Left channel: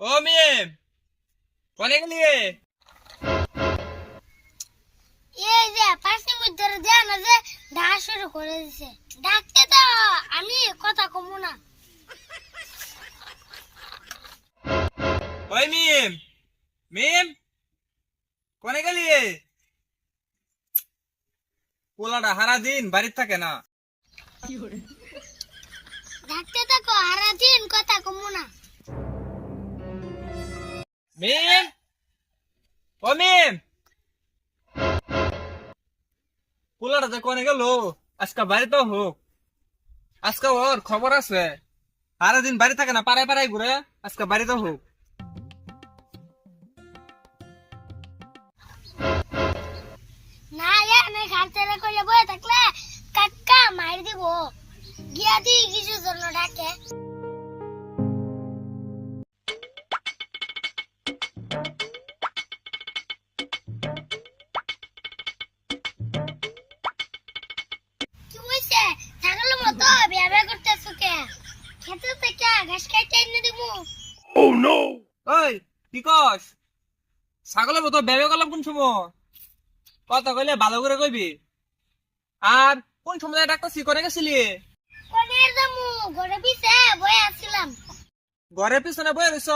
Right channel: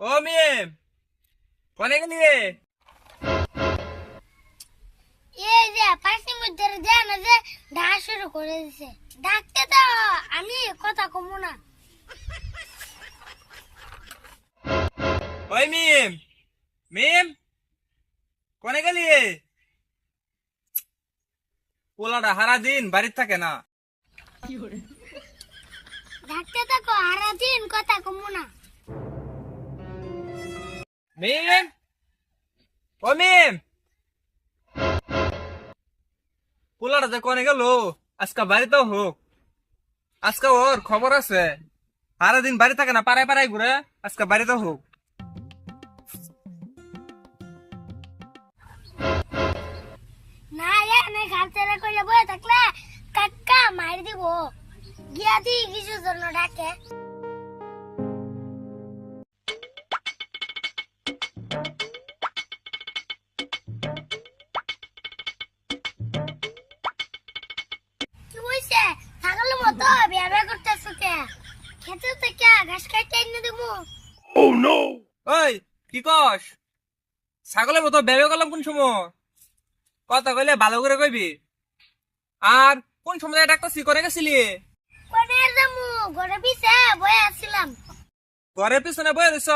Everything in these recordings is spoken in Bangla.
ও মিম, কোনে গেলি? এই যে পাশের মধ্যে দেয় না যে ঢাকা শুরু করে দিছে। ডাকতে দাও, আমি কথা কমু না। ওই মিম, মিম, কোনে গেলি? পোলাটা হারা দিন বাড়িতে থাকে না। ডাকতে থাকো, সারা দিন কথা কমু না। মিম, ও মিম, পোলাটা যে কোনে গেল? আজকে বাড়িতেও হোক, আজকে ওর খবর আছে। সারা দিন বাড়ি থাকে না, পাড়ায় পাড়ায় ঘুরে। আজকে বাড়িতেও হোক। না না ঘাটতে কইলে বয়ে থাকলে কাকা মার দিব। গিয়া দি কিছু জন্য ডাকে। কি হইছে? ছাগল মতো বিয়া করতেছ কে? খেতে থেকে ঘাস কাটতে এনে দিব। ওই কি কস? ছাগলের মতো ব্যবহার করলাম কোন সময়? কথা কইলে ভালো করে কইবি। আর কোন সময় ডাক্তার করে গেছিলি? কোনের জামু ঘরে পিছে বয়ে আসছিলাম। ঘরের পিছনে বয়ে রইছ,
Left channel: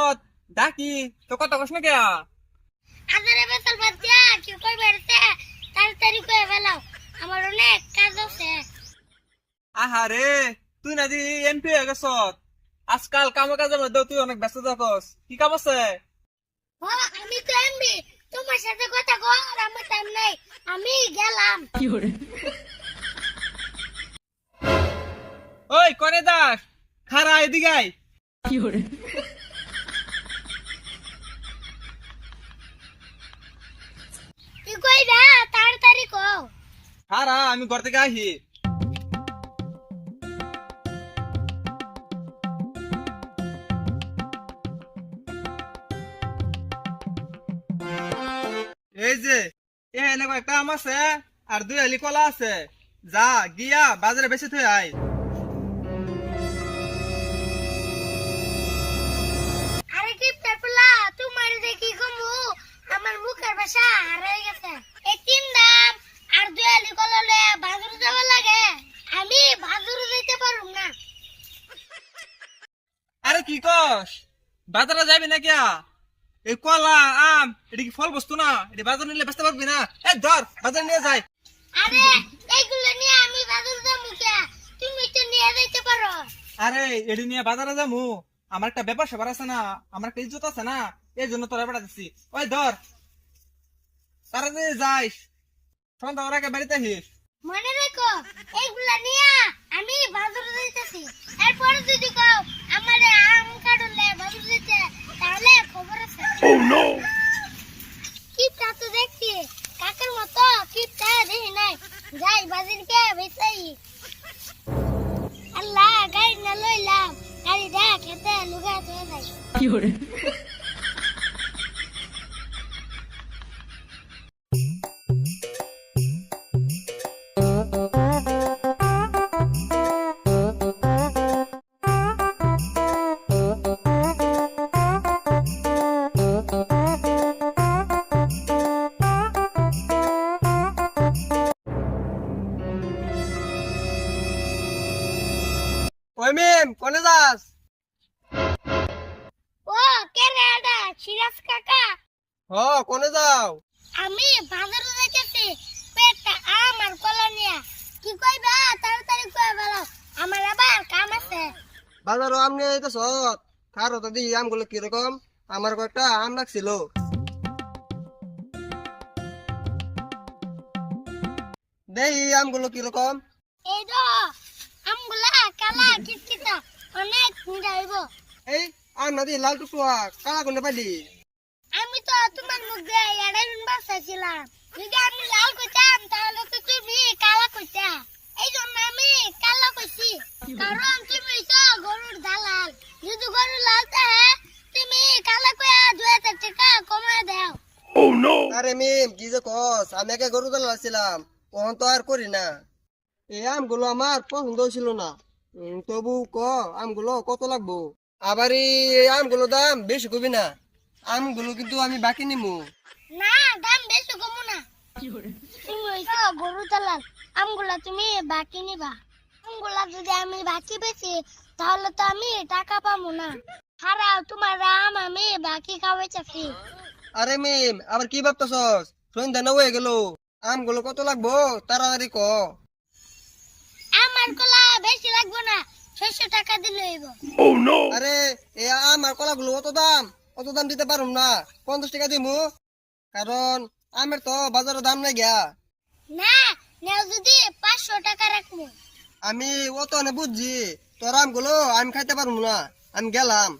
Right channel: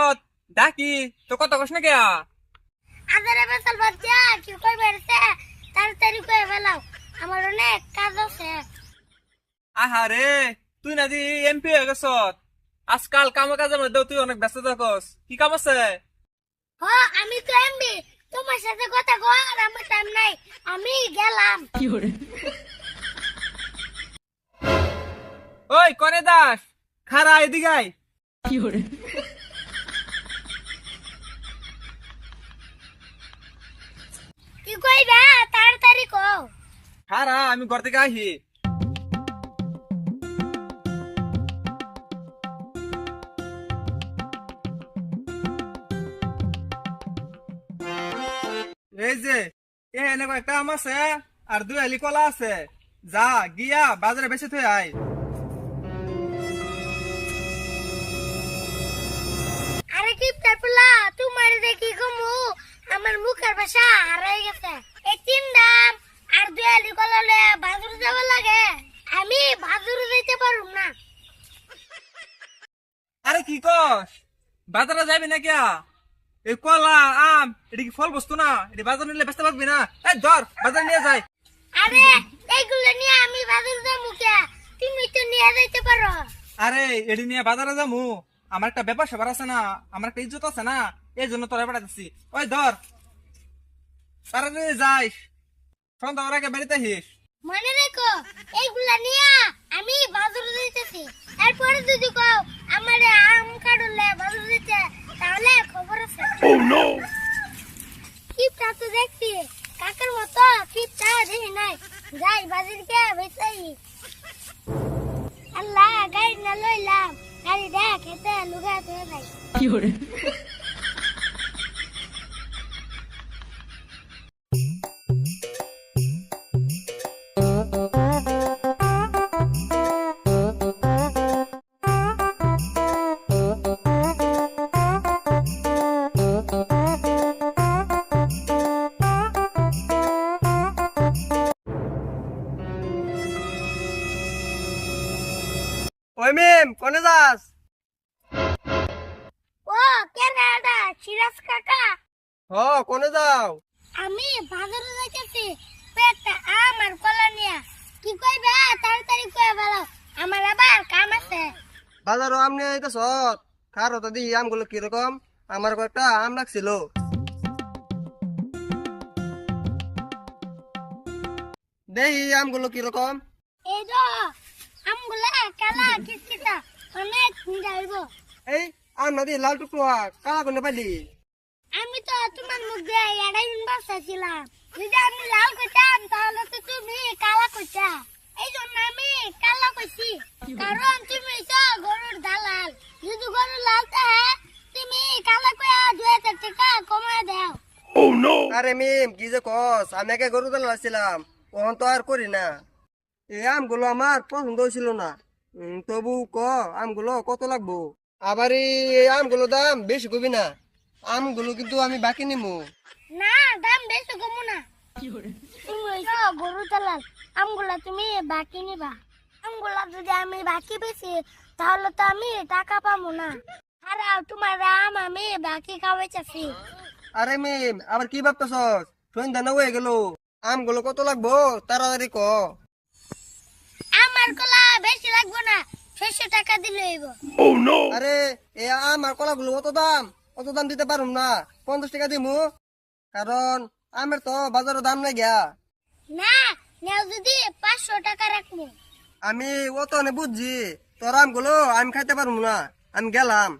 ডাকি তো কথা কস না কে? আদারে বেসাল বাদ দিয়া কি করবে রে? তাড়াতাড়ি করে ফেলাও, আমার অনেক কাজ আছে। আহারে, তুই না দি এমপি হয়ে গেছ। আজকাল কামে কাজের মধ্যে তুই অনেক ব্যস্ত থাকস। কি কাম আছে? হ, আমি তো এমবি, তোমার সাথে কথা কর আমার টাইম নাই, আমি গেলাম। ওই কনে দাস, খারা এদিকে আয়। কি কইবা তাড়াতাড়ি কও। খারা, আমি ঘর থেকে আহি। এই যে এনে কয়েকটা আম আছে আর দুই আলি কলা আছে। যা গিয়া বাজারে বেশি থই আয়। আরে কি পেপলা, তোমার দেখি কমু আমার মুখের ভাষা হারাই গেছে। এই তিন দাম আর দুই আলি কলালে বাজারে যাওয়া লাগে, আমি বাজারে যেতে পারুম না। আরে কি কস? বাজারে যাবি না কিয়া? এই কলা আম এটা কি ফল বস্তু না? এটা বাজার নিলে বেচতে পারবি না। এই ধর বাজার নিয়ে যাই। আরে এইগুলো নিয়ে আমি বাজারে যাবো কে? তুমি তো নিয়ে যাইতে পারো। আরে এটি নিয়ে বাজারে যামু, আমার একটা ব্যাপার স্যাপার আছে না, আমার একটা ইজ্জত আছে না, এই জন্য তোরা পাঠাচ্ছি। ওই ধর, তাড়াতাড়ি যাইস, সন্ধ্যা ওর আগে বাড়িতে আহিস। মনে রেখো, এইগুলা নিয়ে আমি বাজারে যাইতেছি। এরপরে যদি কও আমারে আম কাটলে বাজারে যেতে, তাহলে খবর আছে। কিপটা তো দেখছি কাকের মতো, কিপটা দেখি নাই। যাই বাজারকে বেচাই। আল্লাহ, গাড়ি না লইলাম, গাড়িটা খেতে লুগা হয়ে যায়। ওই মিম, কোনে যাস? ও কে গাড়া? সিরাজ কাকা। হ, কোনে যাও? আমি বাজারে যাইতেছি পেটটা আম আর কলা নিয়া। কি কইবা তাড়াতাড়ি কয়ে ফেলাও, আমার আবার কাম আছে। বাজারও আম নিয়ে যাইতেছ? খারো তো দেখি আমগুলো কিরকম। আমার কয়েকটা আম লাগছিল। দেখি আমগুলো কিরকম। এই তো আমগুলা কালা কিটকিটা, অনেক মিঠা হইব। এই আম না দিয়ে লাল টুকরা কালা কোনে পাইলি? আমি তো তোমার মুখ দিয়ে এড়াই বাসাছিলাম। যদি আমি লাল কইতাম তাহলে তো তুমি কালা কইতা। এই জন্য আমি কালা কইছি, কারণ তুমি তো গরুর দালাল। যদি গরু লাল থাকে তুমি কালা কইয়া 2000 টাকা কমায় দাও। আরে মিম, কি যে কস, আমি একে গরু দল আসছিলাম, ওহন তো আর করি না। এই আমগুলো আমার পছন্দ হয়েছিল না। তবু ক, আমগুলো কত লাগবো? আবার এই আমগুলো দাম বেশি কবি না, আমগুলো কিন্তু আমি বাকি নিমু। না দাম বেশি কমু না। তুমি হইছো গরু দালাল, আমগুলা তুমি বাকি নিবা। আমগুলা যদি আমি বাকি বেশি তাহলে তো আমি টাকা পাবো না। হারাও তোমার আম আমি বাকি খাওয়াইছি। আরে মিম আবার কি ভাবতেছস? সন্ধ্যা না হয়ে গেল, আমগুলো কত লাগবো তাড়াতাড়ি ক। আমার কলা বেশি লাগবে না, 600 টাকা দিলে হইব। আরে এ আমার কলাগুলো অত দাম দিতে পারুম না, 50 টাকা দিমু। কারণ আমের তো বাজারে দাম নাই গিয়া। না নেও যদি 500 টাকা রাখবো। আমি অত বুঝছি, তোর আমগুলো আমি খাইতে পারুম না, আমি গেলাম।